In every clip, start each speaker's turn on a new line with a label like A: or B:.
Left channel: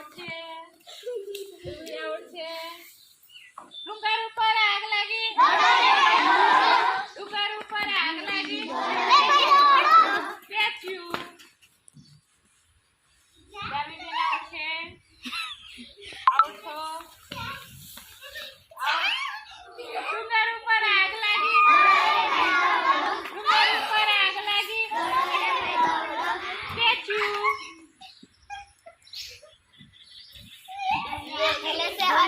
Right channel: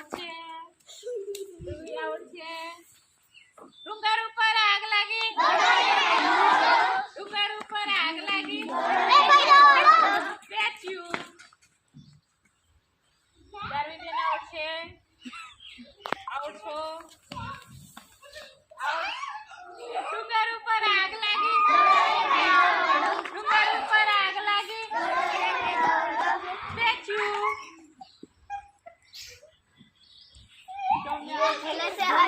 A: આવડશે? આવડશે? રૂંગા રૂપ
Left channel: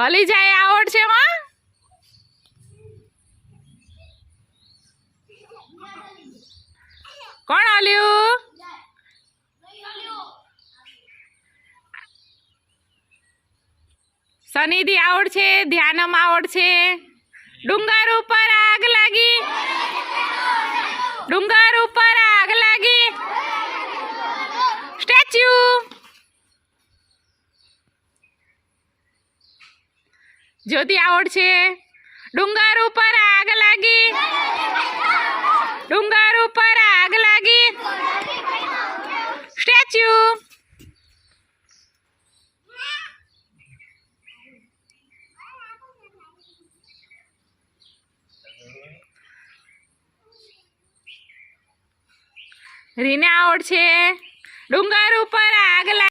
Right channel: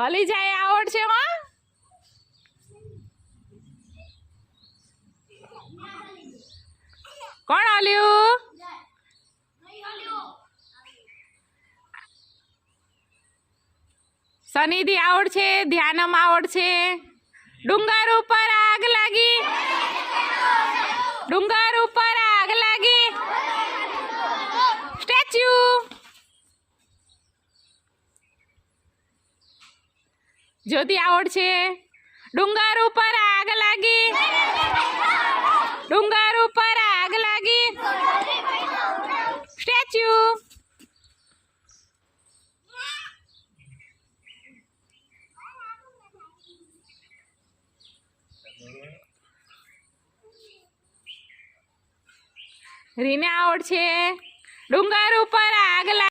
A: હલી જાય આવડ છે માં કોણ હલ્યું? સનિધિ આવડ છે, ધ્યાનમ આવડ છે. ડુંગર ઉપર આગ લાગી. ડુંગર ઉપર આગ લાગી સ્ટેચ્યુ જ્યોતિ છે. ડુંગર ઉપર આગ લાગી. ડુંગર ઉપર આગ લાગી. સ્ટેચ્યુ. રીને છે. ડુંગર ઉપર આગ લાગી.